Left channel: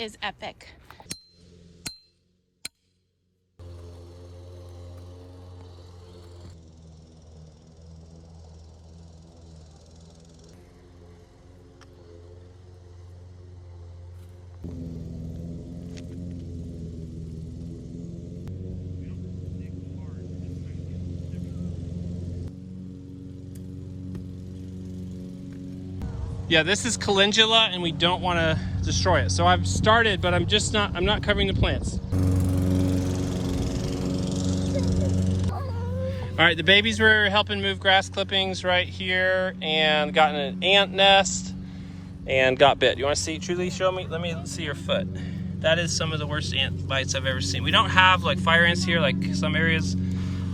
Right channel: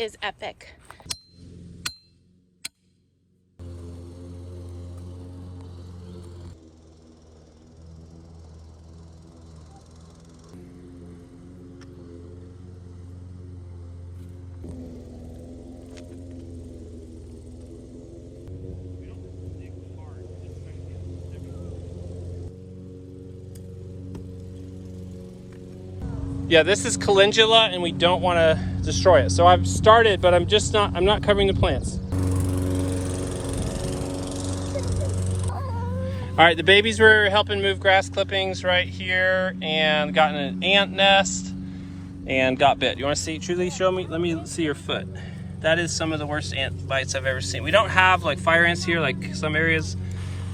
is epic. Yeah, this is calendula and we don't want to destroy it. So I've started, but I'm not covering the plants. All right, the babies were helping move grass clippings right here and got in an ant nest and got bit. You want to see, truly show me? Let me see your foot. That is some of the worst ant bites I've ever seen. We don't have like fire ants here like some areas,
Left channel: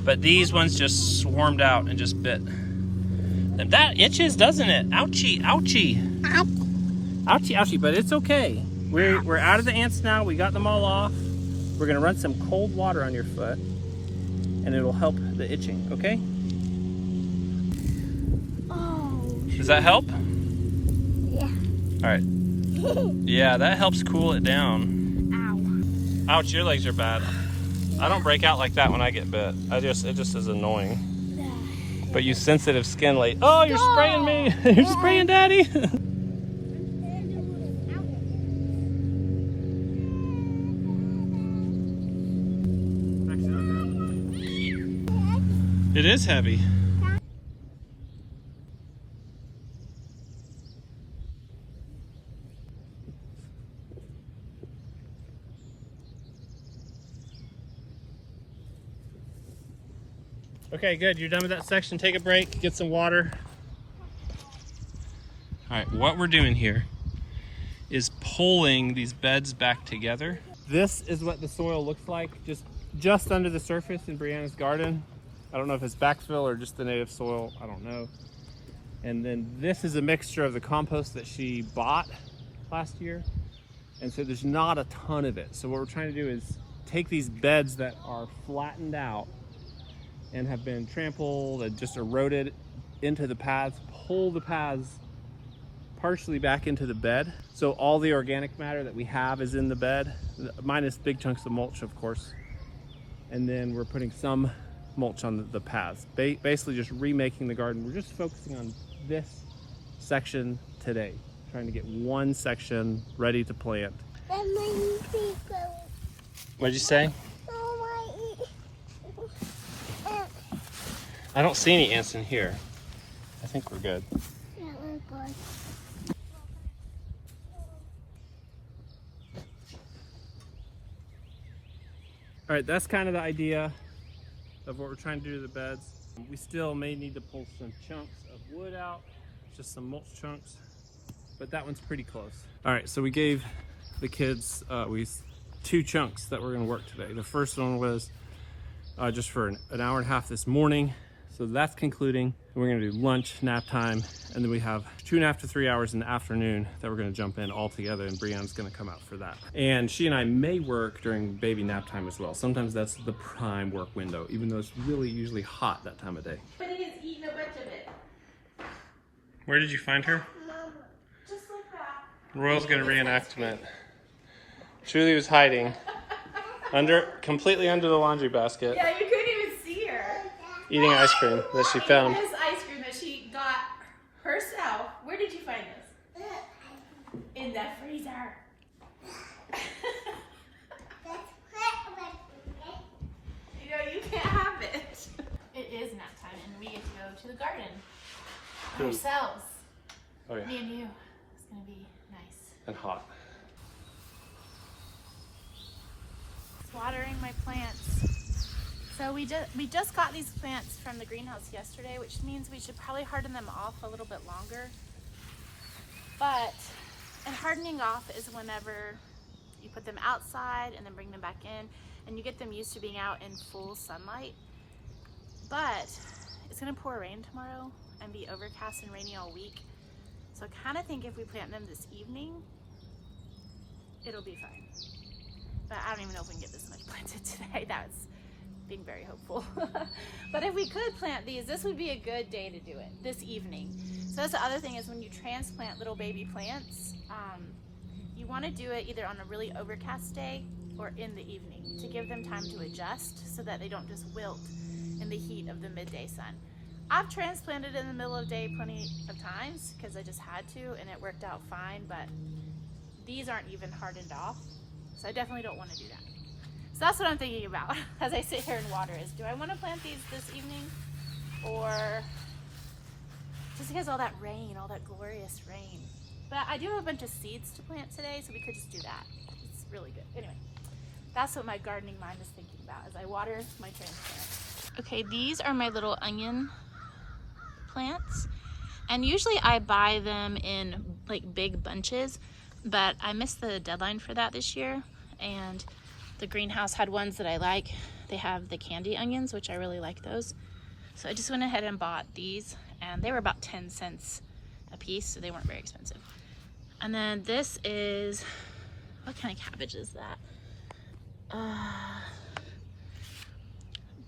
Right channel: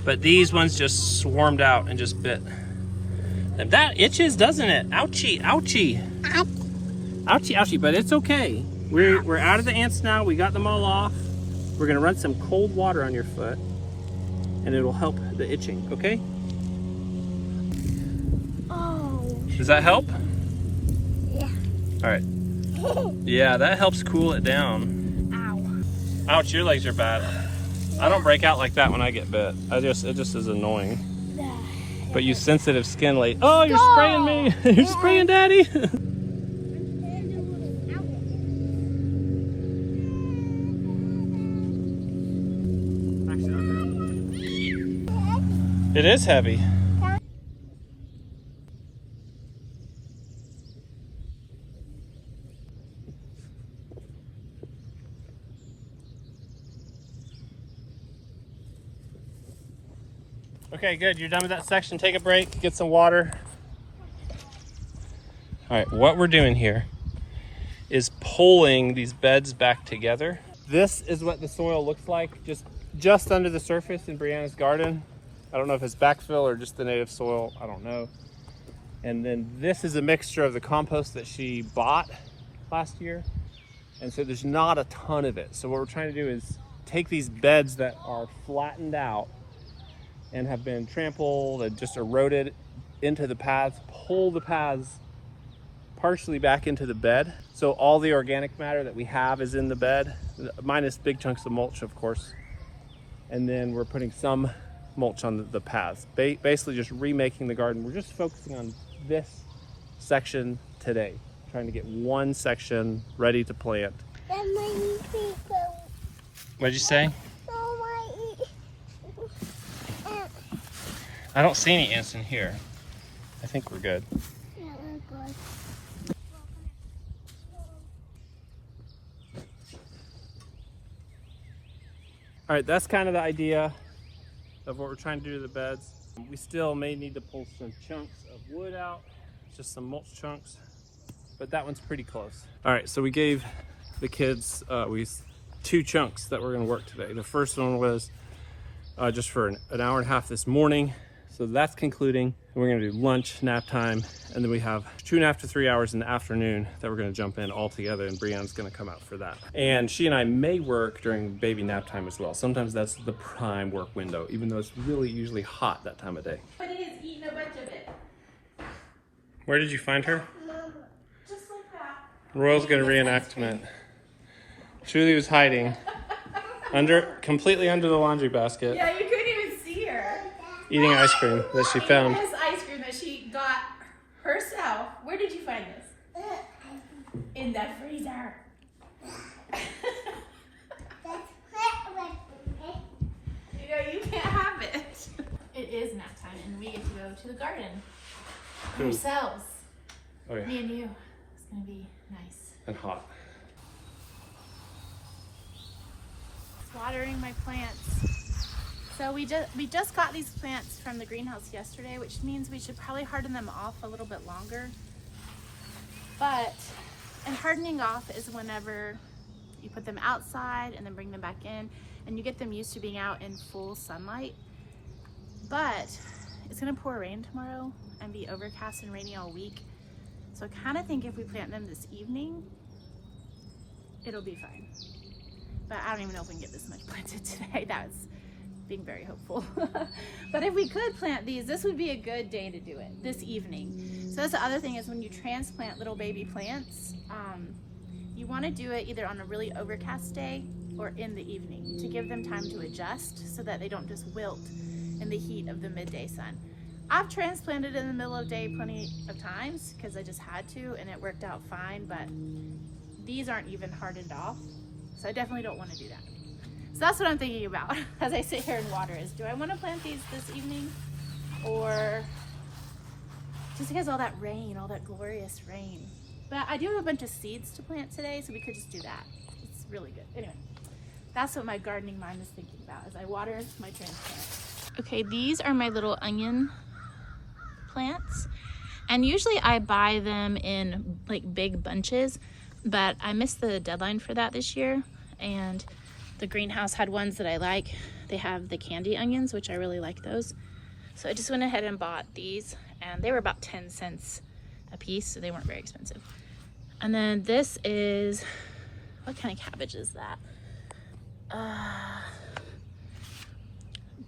but these ones just swarmed out and just bit. And that itches, doesn't it? Ouchie, ouchie. Ouchie, ouchie, but it's okay. We're out of the ants now. We got them all off. We're gonna run some cold water on your foot and it'll help the itching, okay? Oh. Does that help? Yeah. All right. Yeah, that helps cool it down. Ow. Ouch, your legs are bad. I don't break out like that when I get bit. It just is annoying. But you sensitive skin lady. Oh, you're spraying me. You're spraying daddy. It is heavy. Okay, good. You're done with that section. Take a break, get some water. All right, what we're doing here is pulling these beds back together. This is what the soil looks like just under the surface in Brianna's garden. I don't know if it's backfill or just the native soil, I don't know. And then this is a mixture of the compost that she bought last year. And so there's not a ton of it. So what we're trying to do is take these beds that are flattened out and have been trampled and just eroded into the paths, pull the paths partially back into the bed. So all the organic matter that we have is in the bed, minus big chunks of mulch, of course. And then we're putting some mulch on the paths. Basically just remaking the garden. We're just focusing on this section today, trying to get one section ready to plant. What'd you say? I don't see any ants in here. I think we're good. Yeah, we're good. All right, that's kind of the idea of what we're trying to do to the beds. We still may need to pull some chunks of wood out, just some mulch chunks, but that one's pretty close. All right, so we gave the kids two chunks that we're gonna work today. The first one was just for an hour and a half this morning. So that's concluding. We're gonna do lunch, nap time, and then we have 2.5 to 3 hours in the afternoon that we're gonna jump in all together, and Brianna's gonna come out for that. And she and I may work during baby nap time as well. Sometimes that's the prime work window, even though it's really usually hot that time of day. But it is eating a bunch of it. Where did you find her? Mama, just like that. Royal's gonna reenactment. Truly was hiding completely under the laundry basket. Yeah, you couldn't even see her. Eating ice cream that she found. This ice cream that she got herself. Where did you find this? In the freezer. You know, you can't have it. It is nap time and we get to go to the garden ourselves. Oh yeah. Me and you. It's gonna be nice. And hot. Watering my plants. So we just got these plants from the greenhouse yesterday, which means we should probably harden them off a little bit longer. And hardening off is whenever you put them outside and then bring them back in and you get them used to being out in full sunlight. But it's gonna pour rain tomorrow and be overcast and rainy all week. So I kind of think if we plant them this evening, it'll be fine. But I don't even know if we can get this much planted today. That's being very hopeful. But if we could plant these, this would be a good day to do it, this evening. So that's the other thing is when you transplant little baby plants, you you want to do it either on a really overcast day or in the evening to give them time to adjust so that they don't just wilt in the heat of the midday sun. I've transplanted in the middle of the day plenty of times because I just had to, and it worked out fine, but these aren't even hardened off, so I definitely don't want to do that. So that's what I'm thinking about as I sit here and water is, do I want to plant these this evening, or just because all that rain, all that glorious rain. But I do have a bunch of seeds to plant today, so we could just do that. It's really good. Anyway, that's what my gardening mind is thinking about as I water my transplant. Okay, these are my little onion plants, and usually I buy them in like big bunches, but I missed the deadline for that this year, and the greenhouse had ones that I like. They have the candy onions, which I really like those. So I just went ahead and bought these, and they were about 10 cents a piece, so they weren't very expensive. And then this is, what kind of cabbage is that?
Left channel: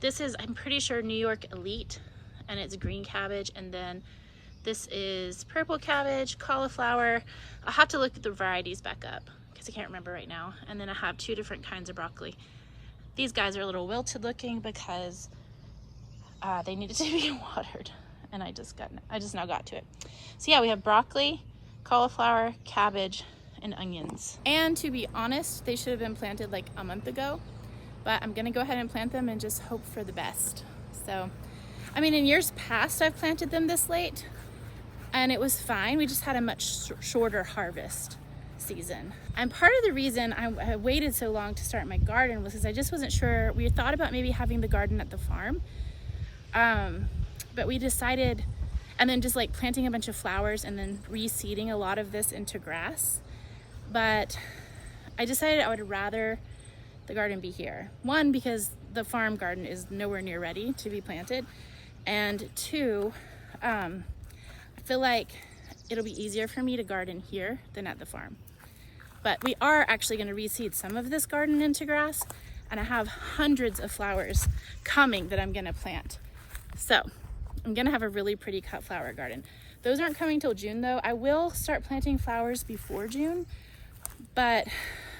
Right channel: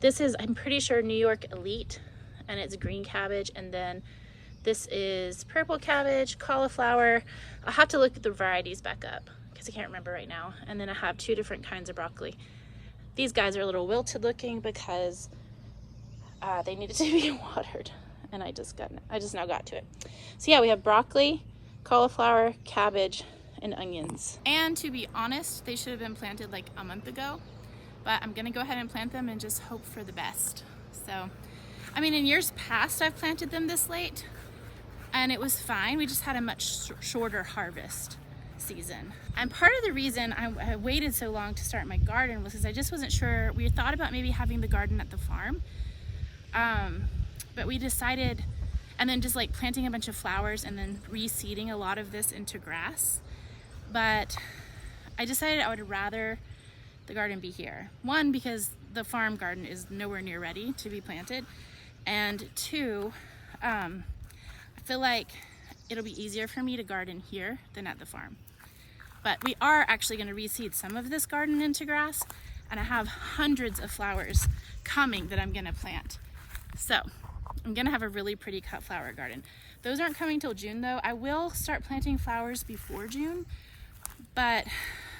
This is, I'm pretty sure, New York Elite, and it's green cabbage. And then this is purple cabbage, cauliflower. I'll have to look at the varieties back up because I can't remember right now. And then I have 2 different kinds of broccoli. These guys are a little wilted looking because they needed to be watered, and I just now got to it. So yeah, we have broccoli, cauliflower, cabbage, and onions. And to be honest, they should have been planted like a month ago, but I'm gonna go ahead and plant them and just hope for the best. So, I mean, in years past, I've planted them this late, and it was fine. We just had a much shorter harvest season. And part of the reason I waited so long to start my garden was because I just wasn't sure. We thought about maybe having the garden at the farm, but we decided, and then just like planting a bunch of flowers and then reseeding a lot of this into grass. But I decided I would rather the garden be here. 1, because the farm garden is nowhere near ready to be planted. And 2, I feel like it'll be easier for me to garden here than at the farm. But we are actually going to reseed some of this garden into grass, and I have hundreds of flowers coming that I'm going to plant. So I'm going to have a really pretty cut flower garden. Those aren't coming till June though. I will start planting flowers before June, but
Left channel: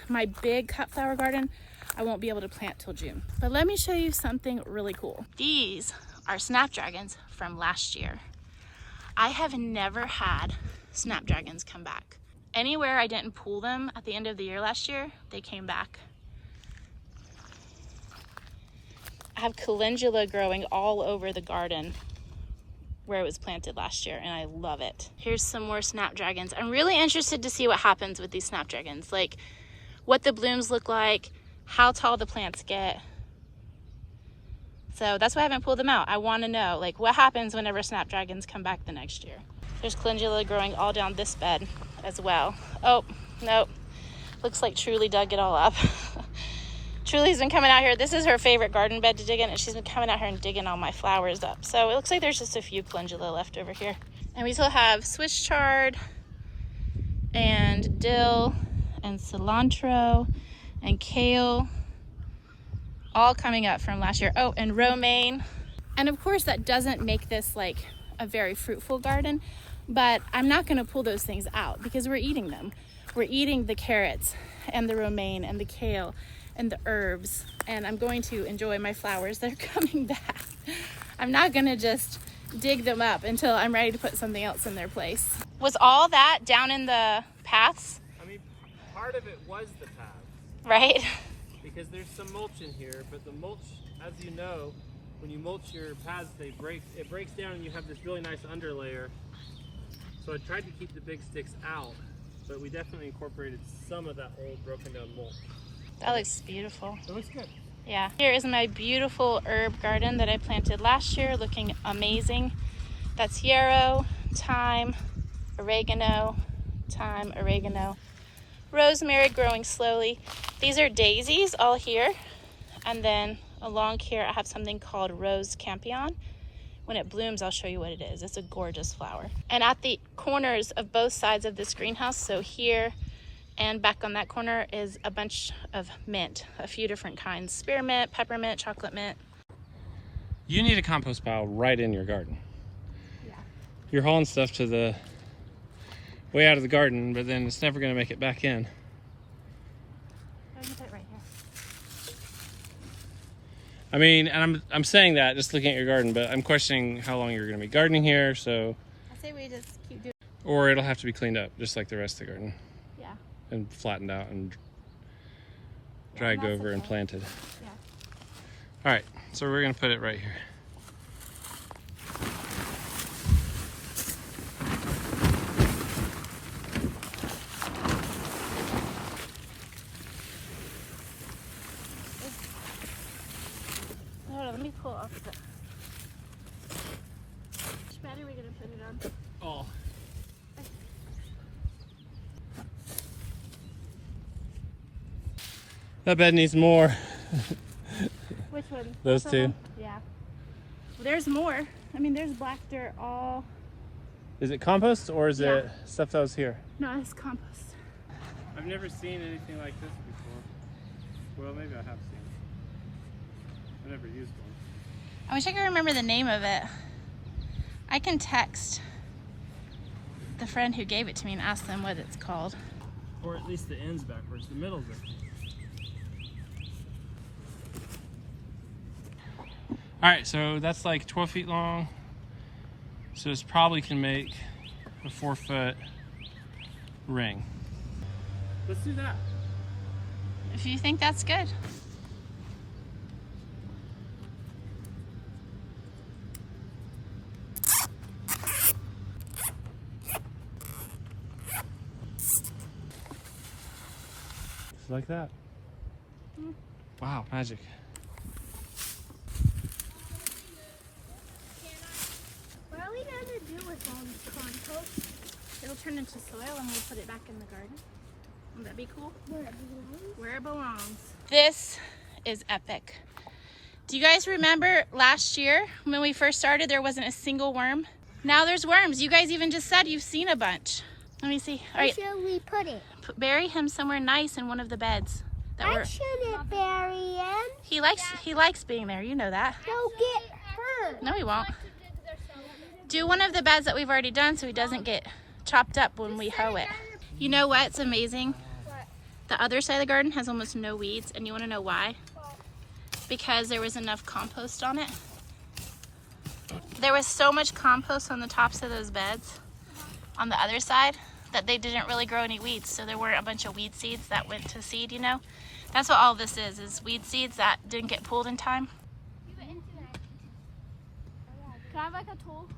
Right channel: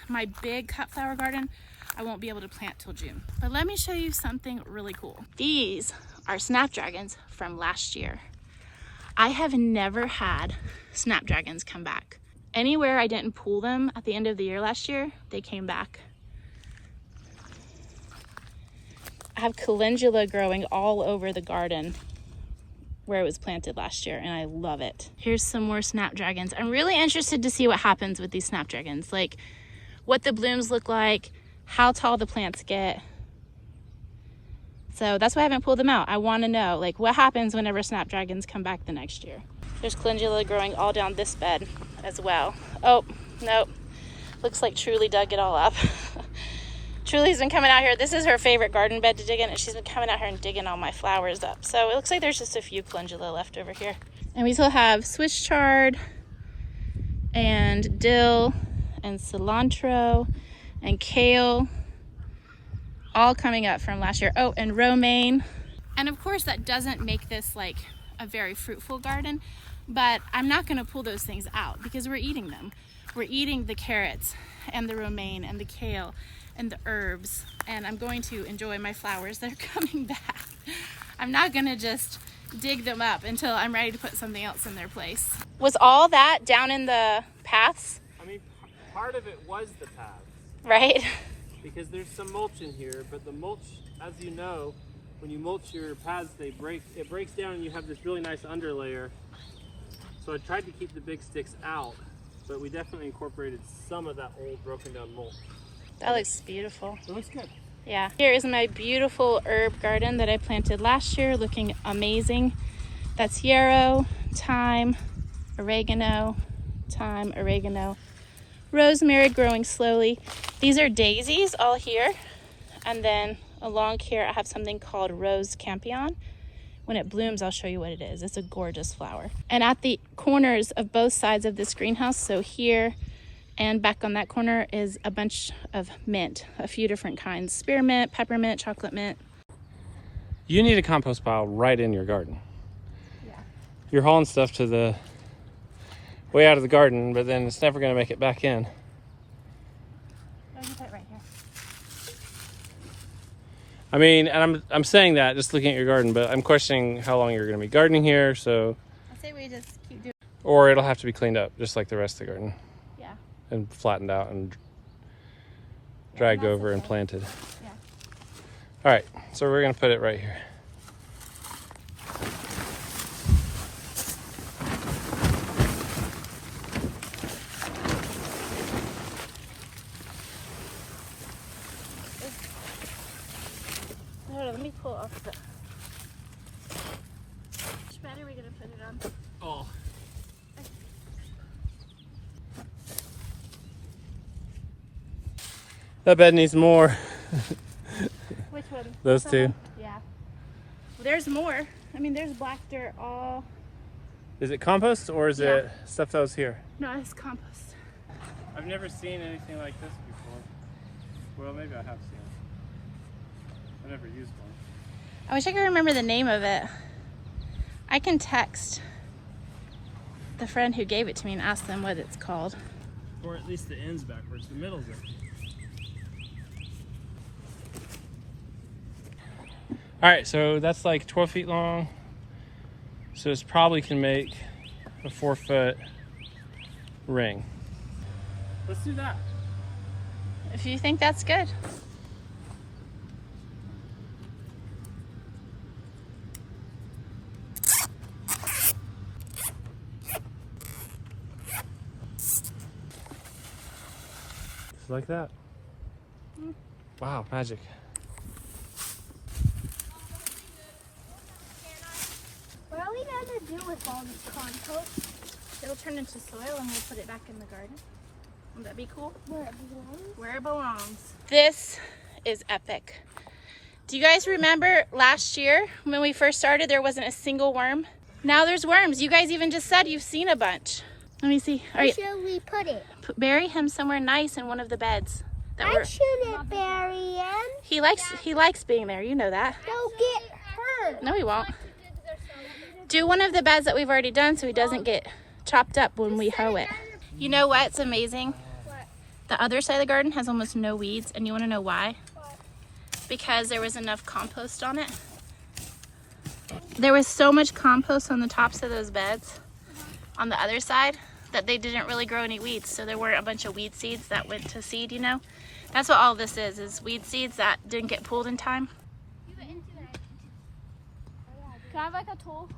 my big cut flower garden I won't be able to plant till June. But let me show you something really cool. These are snapdragons from last year. I have never had snapdragons come back. Anywhere I didn't pull them at the end of the year last year, they came back. I have calendula growing all over the garden where it was planted last year, and I love it. Here's some more snapdragons. I'm really interested to see what happens with these snapdragons, like what the blooms look like, how tall the plants get. So that's why I haven't pulled them out. I want to know like what happens whenever snapdragons come back the next year. There's calendula growing all down this bed as well. Oh, nope. Looks like Truly dug it all up. Truly's been coming out here. This is her favorite garden bed to dig in, and she's been coming out here and digging all my flowers up. So it looks like there's just a few calendula left over here. And we still have Swiss chard and dill and cilantro and kale all coming up from last year. Oh, and romaine. And of course that doesn't make this like a very fruitful garden, but I'm not going to pull those things out because we're eating them. We're eating the carrots and the romaine and the kale and the herbs, and I'm going to enjoy my flowers that are coming back. I'm not going to just dig them up until I'm ready to put something else in their place. Was all that down in the paths? I mean, part of it was the path. Right? Because there's some mulch in here, but the mulch, as you know, when you mulch your paths, it breaks down and you have this really nice underlayer. So I tried to keep the big sticks out, but we definitely incorporated some of that old broken down mulch. That looks beautiful. It looks good. Yeah. Here is my beautiful herb garden that I planted last year, looking amazing. That's yarrow, thyme, oregano, rosemary growing slowly. These are daisies all here. And then along here I have something called rose campion. When it blooms, I'll show you what it is. It's a gorgeous flower. And at the corners of both sides of this greenhouse, so here and back on that corner, is a bunch of mint, a few different kinds. Spearmint, peppermint, chocolate mint. You need a compost pile right in your garden. Yeah. You're hauling stuff to the way out of the garden, but then it's never going to make it back in. Oh, you put it right here. I mean, and I'm saying that just looking at your garden, but I'm questioning how long you're going to be gardening here, so. I say we just keep doing. Or it'll have to be cleaned up, just like the rest of the garden. Yeah. And flattened out and dragged over and planted. Yeah. All right, so we're going to put it right here. Let me pull off the. Which bed are we gonna put it on? Oh. That bed needs more. Which one? Those That two. one? Yeah. Well, there's more. I mean, there's black dirt all. Is it compost or is Yeah. it stuff that was here? No, it's compost. I've never seen anything like this before. Well, maybe I have seen it. I've never used one. I wish I could remember the name of it. I can text the friend who gave it to me and ask them what it's called. Or at least the end's backwards, the middle's it. All right, so that's like 12 feet long. So it's probably can make a 4-foot ring. Let's do that. If you think that's good. Just like that. Wow, magic. What are we gonna do with all this compost? It'll turn into soil and we'll put it back in the garden. Would that be cool? Where it belongs. Where it belongs. This is epic. Do you guys remember last year when we first started there wasn't a single worm? Now there's worms. You guys even just said you've seen a bunch. Let me see. All right. Where should we put it? Bury him somewhere nice in one of the beds. I shouldn't bury him. He likes being there. You know that. He'll get hurt. No, he won't. Do one of the beds that we've already done so he doesn't get chopped up when we hoe it. You know what's amazing? The other side of the garden has almost no weeds, and you want to know why? Because there was enough compost on it. There was so much compost on the tops of those beds on the other side that they didn't really grow any weeds, so there weren't a bunch of weed seeds that went to seed, you know? That's what all this is weed seeds that didn't get pulled in time. Can I have like a tool?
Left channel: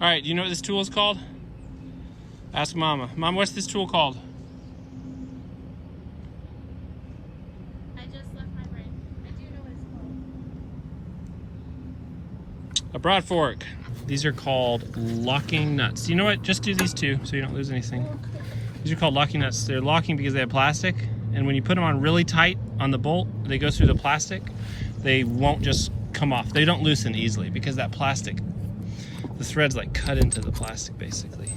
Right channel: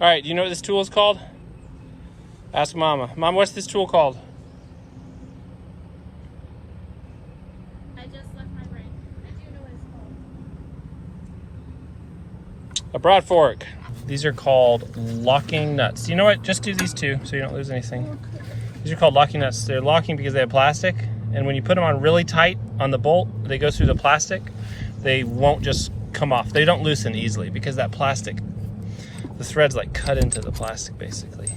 All right, do you know what this tool is called? Ask Mama. Mom, what's this tool called? I just left my brain. I do know what it's called. A broad fork. These are called locking nuts. You know what? Just do these two so you don't lose anything. These are called locking nuts. They're locking because they have plastic, and when you put them on really tight on the bolt, they go through the plastic. They won't just come off. They don't loosen easily because that plastic, the threads like cut into the plastic basically.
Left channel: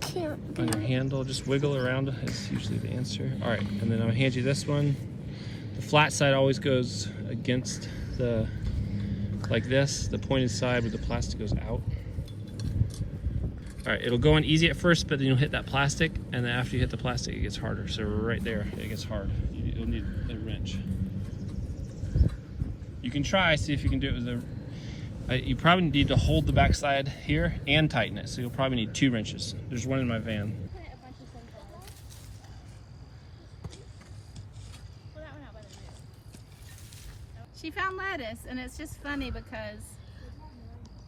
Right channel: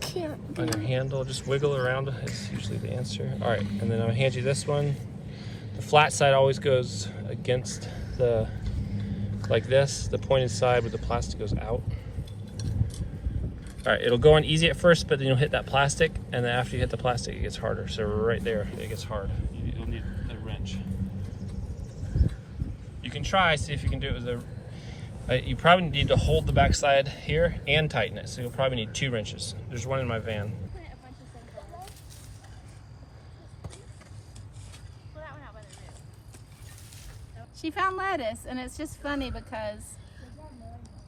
Cute. On your handle, just wiggle around. That's usually the answer. All right, and then I'll hand you this one. The flat side always goes against the, like this, the pointed side where the plastic goes out. All right, it'll go on easy at first, but then you'll hit that plastic, and then after you hit the plastic, it gets harder. So right there, it gets hard. You'll need a wrench. You can try, see if you can do it with a, you probably need to hold the backside here and tighten it. So you'll probably need 2 wrenches. There's one in my van. She found lettuce, and it's just funny because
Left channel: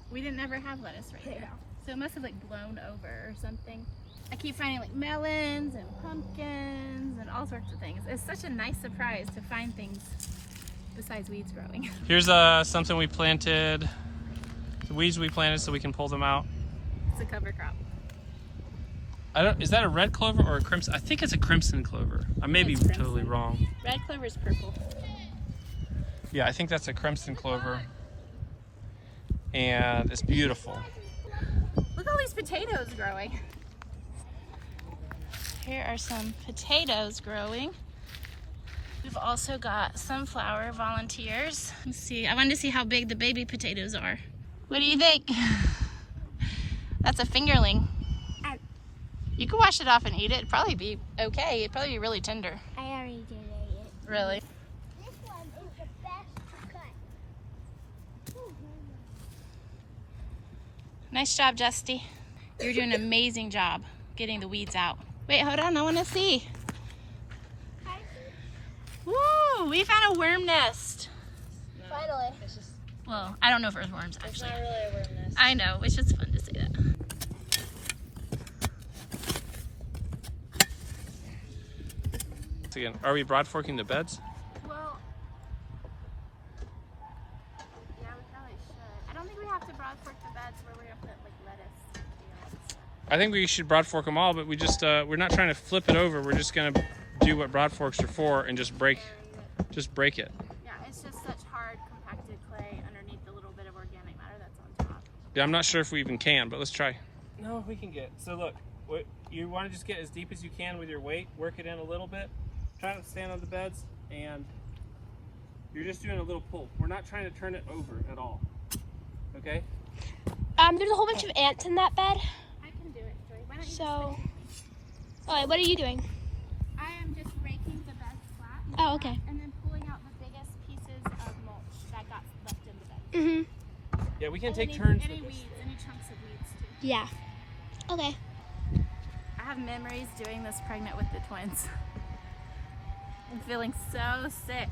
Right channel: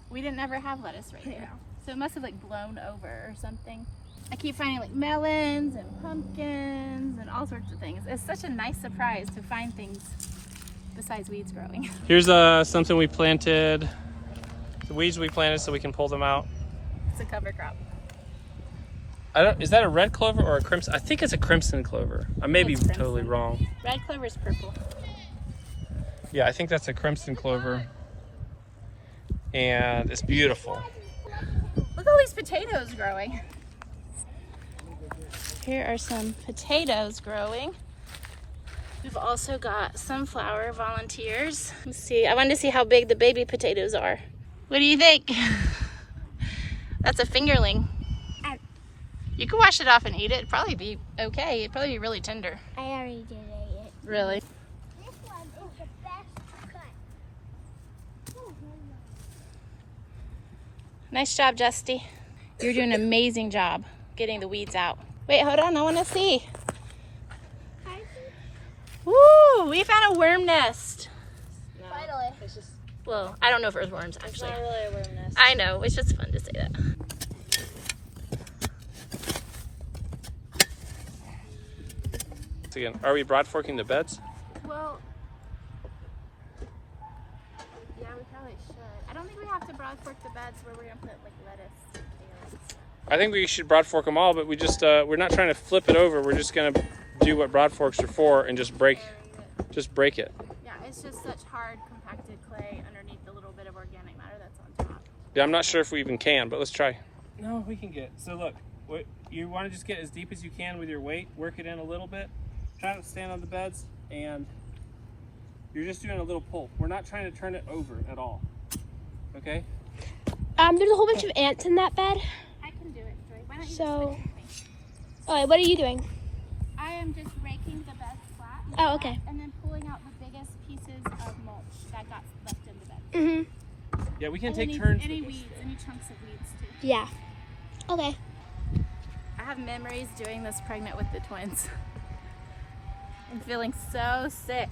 we didn't ever have lettuce right there. So it must have like blown over or something. I keep finding like melons and pumpkins and all sorts of things. It's such a nice surprise to find things besides weeds growing. Here's something we planted, the weeds we planted so we can pull them out. It's a cover crop. Is that a red clover or a crimson? I think it's a crimson clover. I may be It's crimson. totally wrong. Red clover is purple. Yeah, I think that's a crimson clover. And it's beautiful. Look at all these potatoes growing. Here are some potatoes growing. We've also got sunflower volunteers. Let's see, I wanted to see how big the baby potatoes are. What do you think? That's a fingerling. Um, You can wash it off and eat it. It'd probably be okay. It'd probably be really tender. I already did it. Really? This one is the best cut. Nice job, Justy. You're doing an amazing job getting the weeds out. Wait, hold on. I want to see. Woo! We found a worm nest. Finally. Well, I don't know if it was worms, actually. I know. It's just fun to say that. Again, are we broad forking the beds? Well, yeah, we probably should. I don't think we have to broad fork the beds where we're going to put like lettuce and kale and stuff. I think we should broad fork them all, but we just we're not trying to flip it over. We're just gonna do what broad forks are for and just break it. Yeah, it's just such hard compacted clay underneath the little bit of organic matter that's on top. Yeah, I'm not sure if we even can, but let's try. No, we can get. So look, you want to just get as deep as you can with your weight, work it in a little bit. Try not to stand on the beds, and you're just doing a little pull. We're not trying to turn it over at all. Okay? There's a whole bunch of ants in that bed. I can do it, Joy. Why don't you So, alright, what are you doing? I am just raking the bed flat. Oh, okay. And then pulling out the biggest pieces of mulch that got left in the bed. Yeah, we can And take turns. any with this. weeds, any chunks of weeds too. Yeah. Okay. I have memories doing this pregnant with the twins. I'm feeling so sick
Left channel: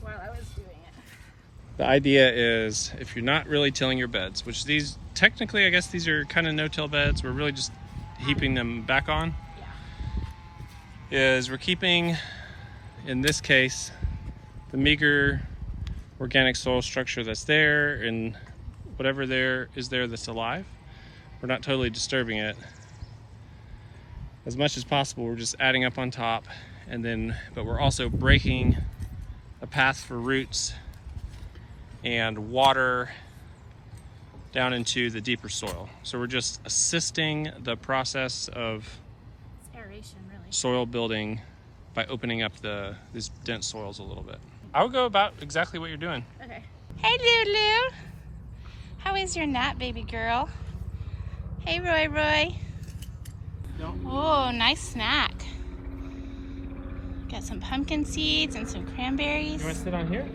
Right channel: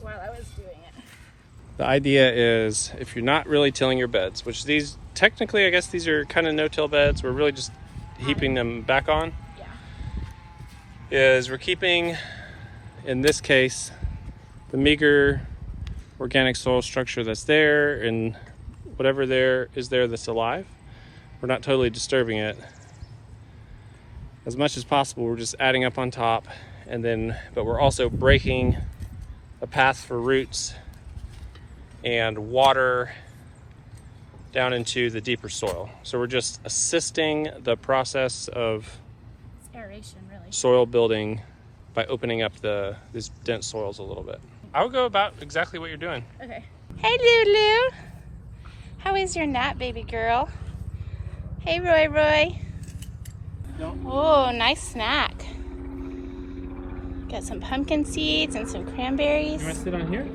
while I was doing it. The idea is if you're not really tilling your beds, which these technically, I guess these are kind of no-till beds. We're really just heaping them back on. Yeah. Is we're keeping, in this case, the meager organic soil structure that's there, and whatever there is there that's alive. We're not totally disturbing it. As much as possible, we're just adding up on top, and then, but we're also breaking a path for roots and water down into the deeper soil. So we're just assisting the process of It's aeration, really. soil building by opening up these dense soils a little bit. I would go about exactly what you're doing. Okay. Hey, Lulu. How is your nap, baby girl? Hey, Roy. Oh, nice snack. Got some pumpkin seeds and some cranberries. You want to sit on here?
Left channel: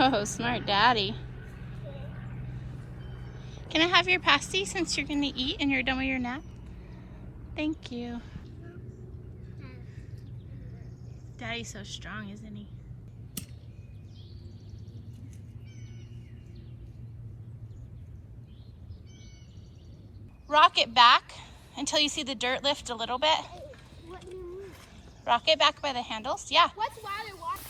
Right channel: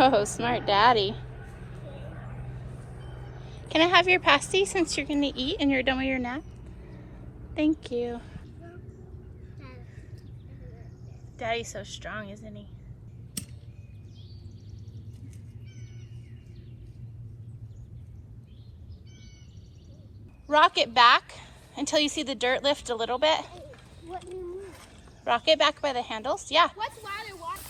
Oh, smart daddy. Can I have your pasty since you're going to eat and you're done with your nap? Thank you. Daddy's so strong, isn't he? Rock it back until you see the dirt lift a little bit. What do you mean? Rock it back by the handles. Yeah. What's water walk?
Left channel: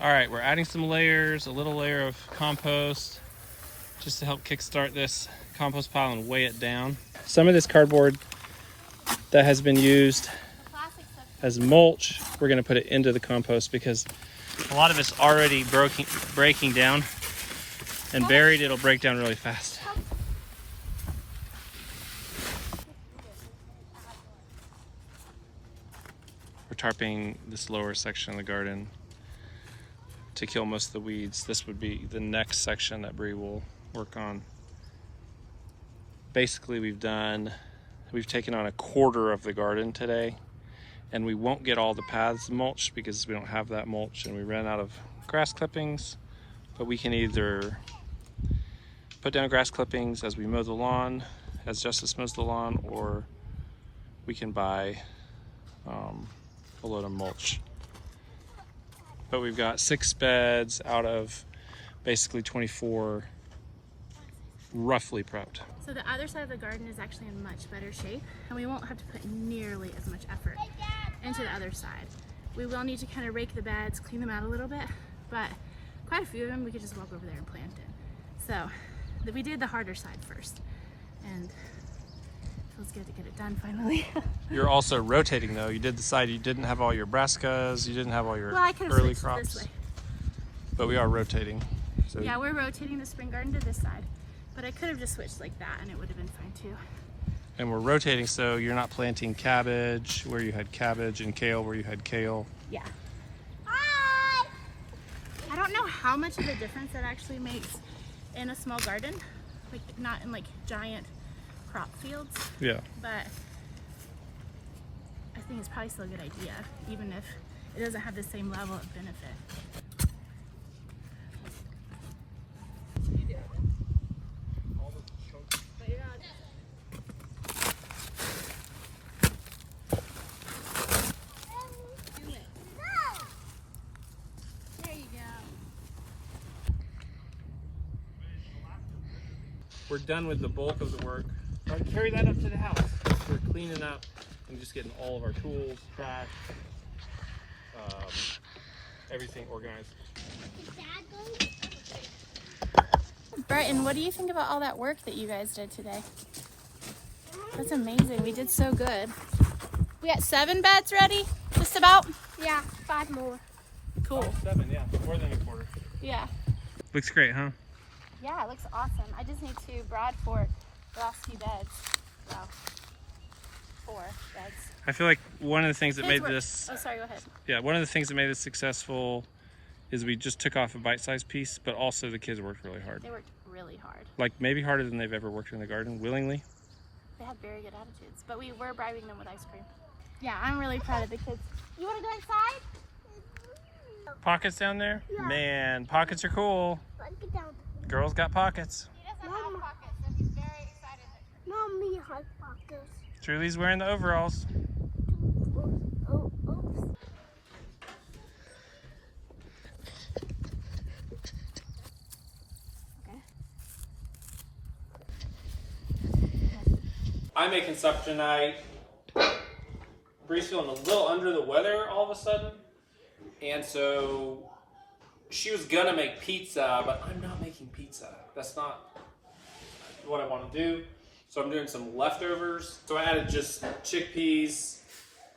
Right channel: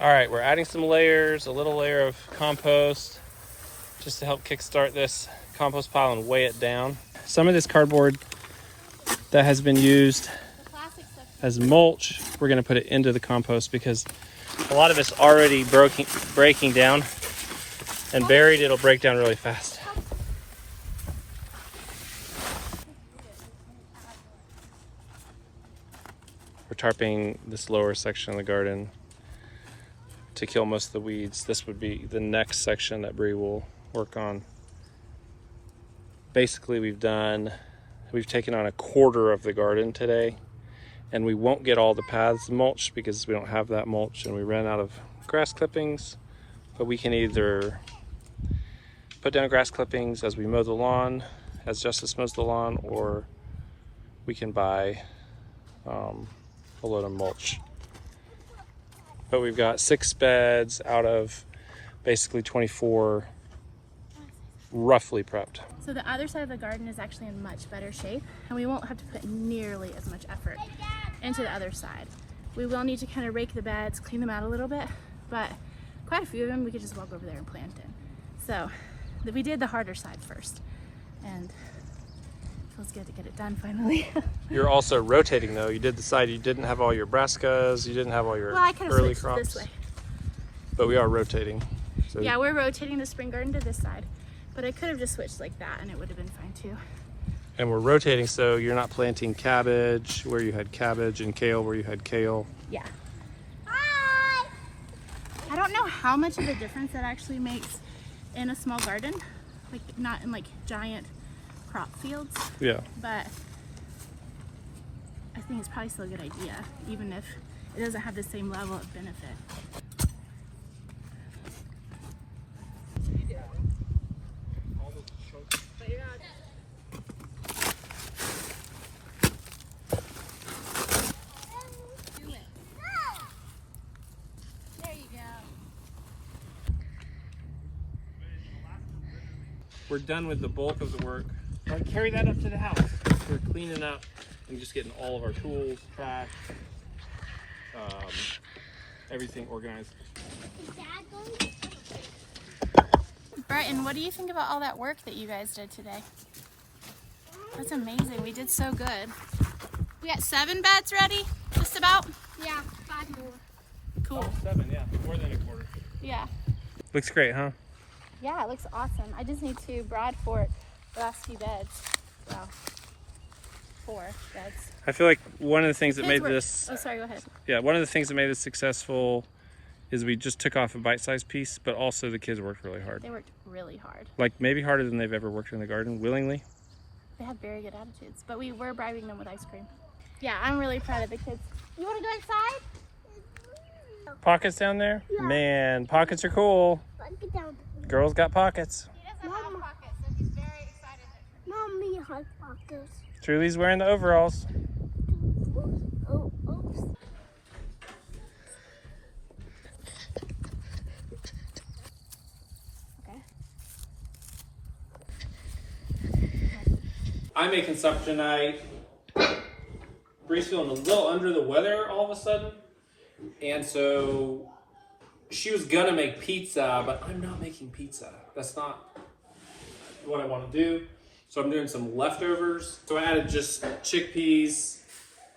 All right, we're adding some layers, a little layer of compost, just to help kickstart this compost pile and weigh it down. Some of this cardboard that has been used The plastic stuff. as mulch, we're gonna put it into the compost because a lot of it's already breaking down, and buried, it'll break down really fast. We're tarping this lower section of the garden to kill most of the weeds. This would be the next section that Bree will work on. Basically, we've taken on a quarter of the garden today, and we won't get all the paths mulched because we don't have that mulch, and we ran out of grass clippings. But we can either put down grass clippings as we mow the lawn, as Justice mows the lawn, or we can buy a load of mulch. But we've got 6 beds out of basically 24 roughly prepped. So the other side of the garden is actually in much better shape, and we won't have to put nearly as much effort into the other side. We will need to kind of rake the beds, clean them out a little bit, but quite a few of them we could just walk over there and plant in. So we did the harder side first, and it feels good to get it done finally. You're also rotating though. You did decide you didn't have all your brassicas, you didn't have all your Well, I could have early switched crops. this way. But we are rotating. So Yeah, we're rotating the spring garden to this side, but I could have just switched like that and it would have been fine too. And we're rotating so you're not planting cabbage where you had cabbage and kale where you had kale. Yeah. I don't know how much of a difference that actually makes in a small garden, like not in like giant crop fields. Yeah. But I think it's probably still a good idea, even if it doesn't have the same level of benefit. We're done with the bulk of the work. I'll carry that up to the house. We're cleaning up and just getting all of our tools, trash, everything organized. Brighton, what do you think about all that work that you guys did today? That's amazing. We did so good. We got 7 beds ready, just about? Yeah, 5 more. Cool. 7, yeah. More than a quarter. Yeah. Looks great, huh? Yeah, it looks awesome. I just need to broad fork the last few beds. Well, 4 beds. I feel like one of the things that Kids made were- this, Oh, sorry, go ahead. yeah, one of the things that made this successful is we just took off a bite-sized piece, but also the kids worked really hard. They worked really hard. Like maybe harder than they've ever worked in the garden, willingly. They had very good attitudes, but we were bribing them with ice cream. Yeah, I'm really proud of the kids. You want to go inside? Pockets down there? Yeah. Man, pockets are cool. Let's get down. Girls got pockets. Mom, Mommy has pockets. Truly's wearing the overalls. Oh, oops. Okay. I'm making supper tonight. Bree's feeling a little under the weather all of a sudden. And so she was gonna make pizza, but I'm not making pizza. That's not what I want to do. So I'm doing some leftovers. So I added just chickpeas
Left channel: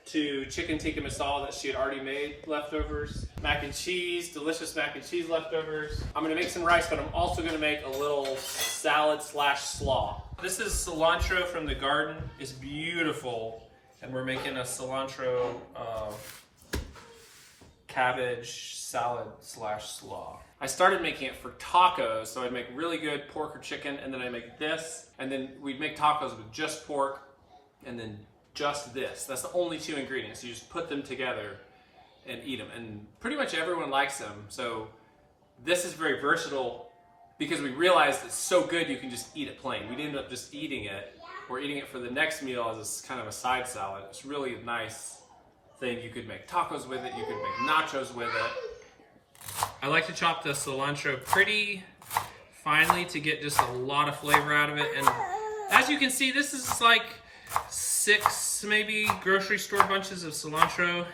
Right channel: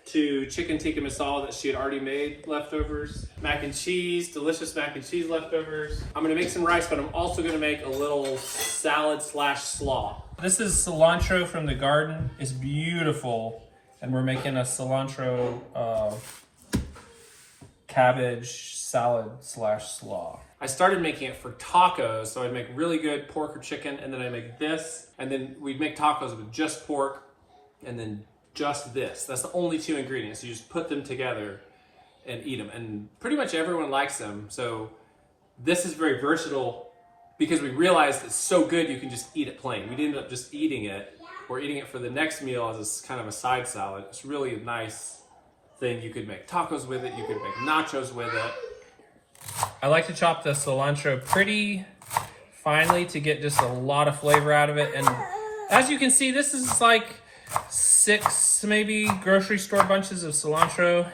to chicken tikka masala that she had already made leftovers. Mac and cheese, delicious mac and cheese leftovers. I'm gonna make some rice, but I'm also gonna make a little salad slash slaw. This is cilantro from the garden. It's beautiful. And we're making a cilantro cabbage salad slash slaw. I started making it for tacos, so I'd make really good pork or chicken, and then I make this, and then we'd make tacos with just pork, and then just this. That's the only 2 ingredients. You just put them together and eat them, and pretty much everyone likes them. So this is very versatile because we realized it's so good you can just eat it plain. We ended up just eating it. We're eating it for the next meal as a kind of a side salad. It's really a nice thing. You could make tacos with it. You could make nachos with it. I like to chop the cilantro pretty finely to get just a lot of flavor out of it. And as you can see, this is like 6 maybe grocery store bunches of cilantro.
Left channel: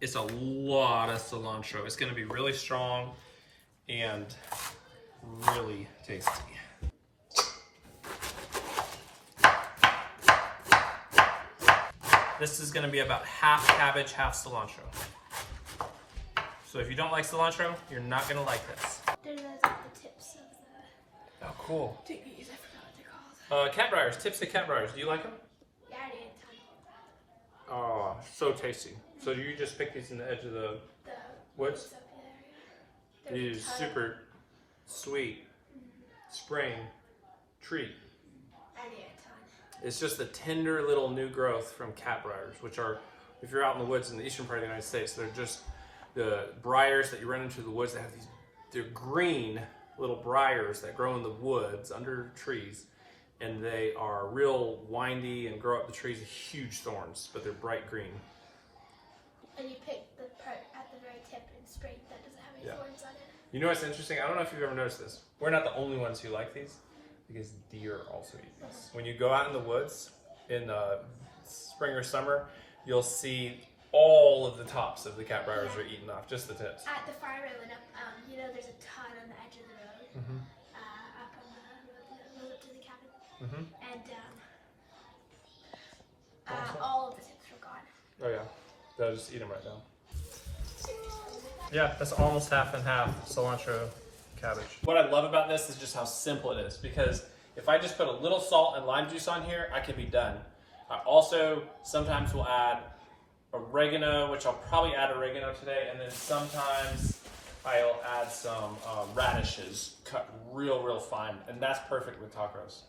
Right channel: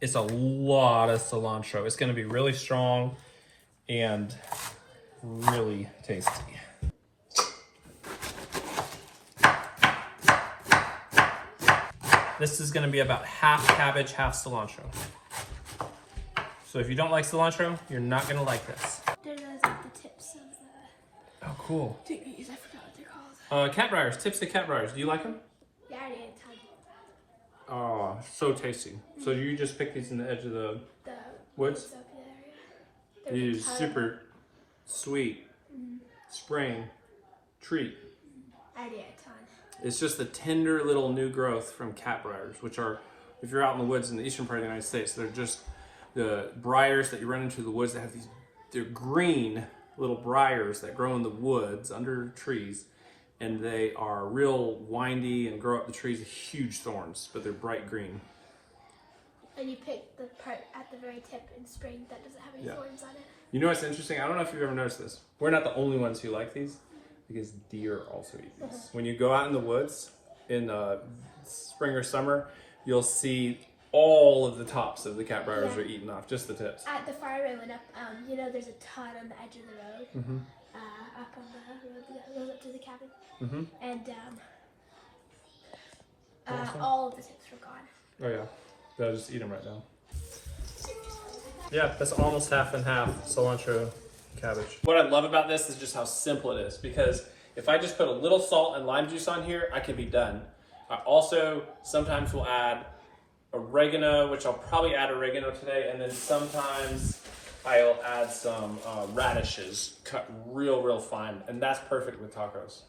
It's a lot of cilantro. It's going to be really strong and really tasty. This is going to be about half cabbage, half cilantro. So if you don't like cilantro, you're not going to like this. The tips of the Oh, cool. thingies. I forgot what they're called. Cat briars, tips to cat briars. Do you like them? Yeah, I didn't tell Oh, you. so tasty. So you just pick these in the edge of the The woods? up there. It is super sweet spring treat. I did a ton. It's just a tender little new growth from cat briars, which are, if you're out in the woods in the eastern part of the United States, they're just the briars that you run into the woods that have these, they're green little briars that grow in the woods under trees, and they are real windy and grow up the trees with huge thorns, but they're bright green. And you pick the part at the very tip in spring that doesn't have any Yeah. thorns on it. You know what's interesting? I don't know if you've ever noticed this. We're not the only ones who like these, because deer also eat these. When you go out in the woods in spring or summer, you'll see all of the tops of the cat briars are eaten off, just the tips. At the farm I went up, you know, there's a ton on the edge of the road. Up on the road that goes up to the cabin. And all of the tips were gone. Oh yeah, they'll just eat them right now. Yeah, that's almost half and half cilantro cabbage. What I love about this is just how simple it is, because if I just put a little salt and lime juice on here, I can be done. I also sometimes will add oregano, which I'll probably add oregano today, and then sometimes I'll add some radishes cut real fine, and that's perfect with tacos.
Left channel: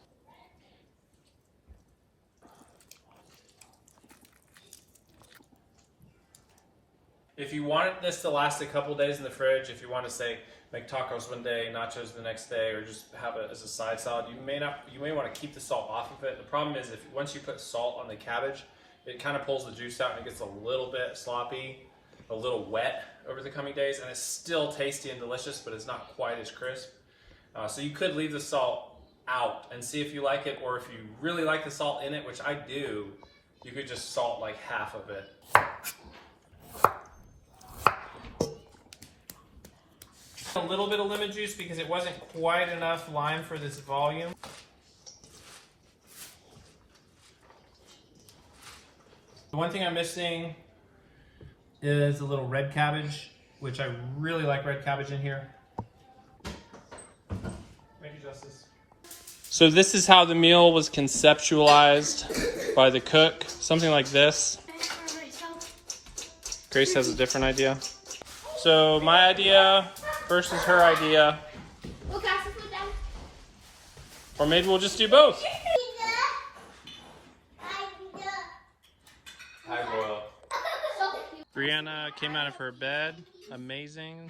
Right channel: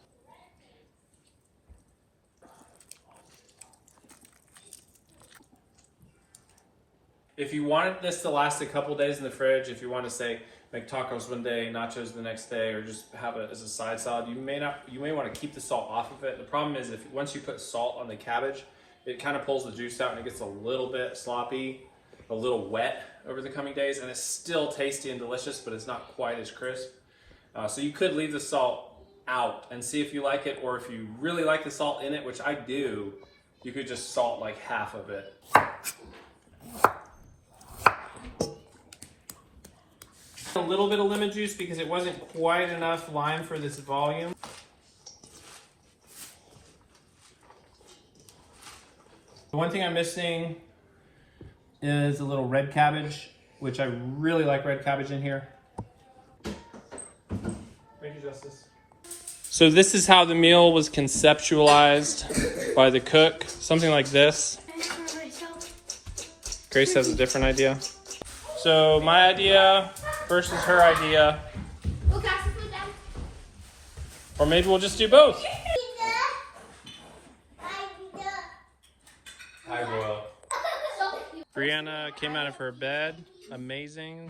If you want this to last a couple days in the fridge, if you want to say make tacos one day, nachos the next day, or just have it as a side salad, you may want to keep the salt off of it. The problem is if once you put salt on the cabbage, it kind of pulls the juice out and it gets a little bit sloppy, a little wet over the coming days, and it's still tasty and delicious, but it's not quite as crisp. So you could leave the salt out and see if you like it, or if you really like the salt in it, which I do, you could just salt like half of it. A little bit of lemon juice because it wasn't quite enough lime for this volume. The one thing I'm missing is a little red cabbage, which I really like red cabbage in here. Thank you, Justice. So this is how the meal was conceptualized by the cook. Something like this. Grace has a different idea. So my idea versus her idea. Or maybe we'll just do both. Hi, Boyle. Brianna came out of her bed. Amazing.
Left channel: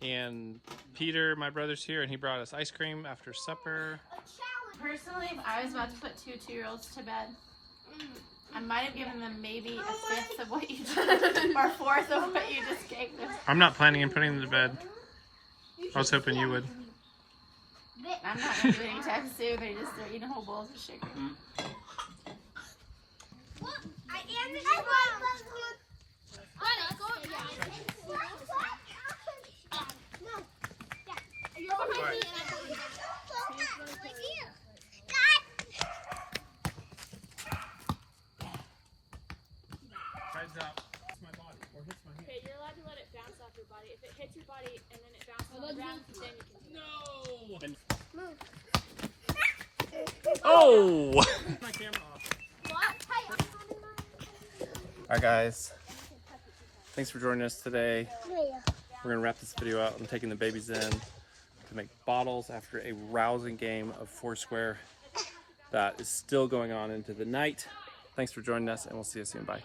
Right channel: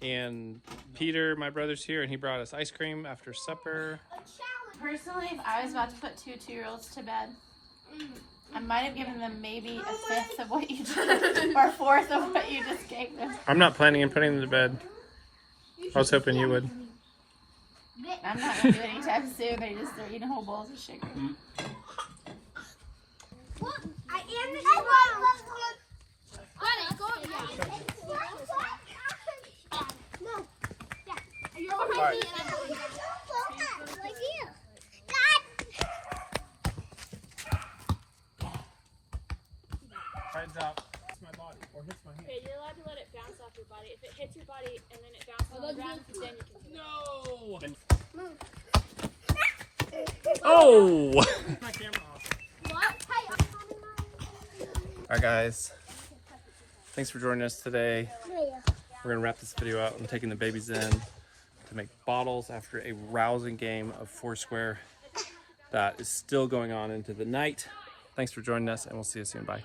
And Peter, my brother's here, and he brought us ice cream after supper. Personally, if I was about to put two 2-year-olds to bed, I might have given them maybe a fifth of what you just, or a fourth of what you just gave them. I'm not planning on putting them to bed. I was hoping you would. I'm not going to do it anytime soon. They're eating whole bowls of sugar. Hands up. It's my body. Or hits my hand. Okay, you're allowed to let it bounce off your body. If it hits your body and then it bounces on the ground, then you can do it. No! Oh! My camera off. Alright guys, thanks for joining us today. We're going to wrap this video out. I'm taking the babies in to make bottles after a rousing game of Foursquare that is still going on into the night. Thanks for joining us, and we'll see you soon. Bye.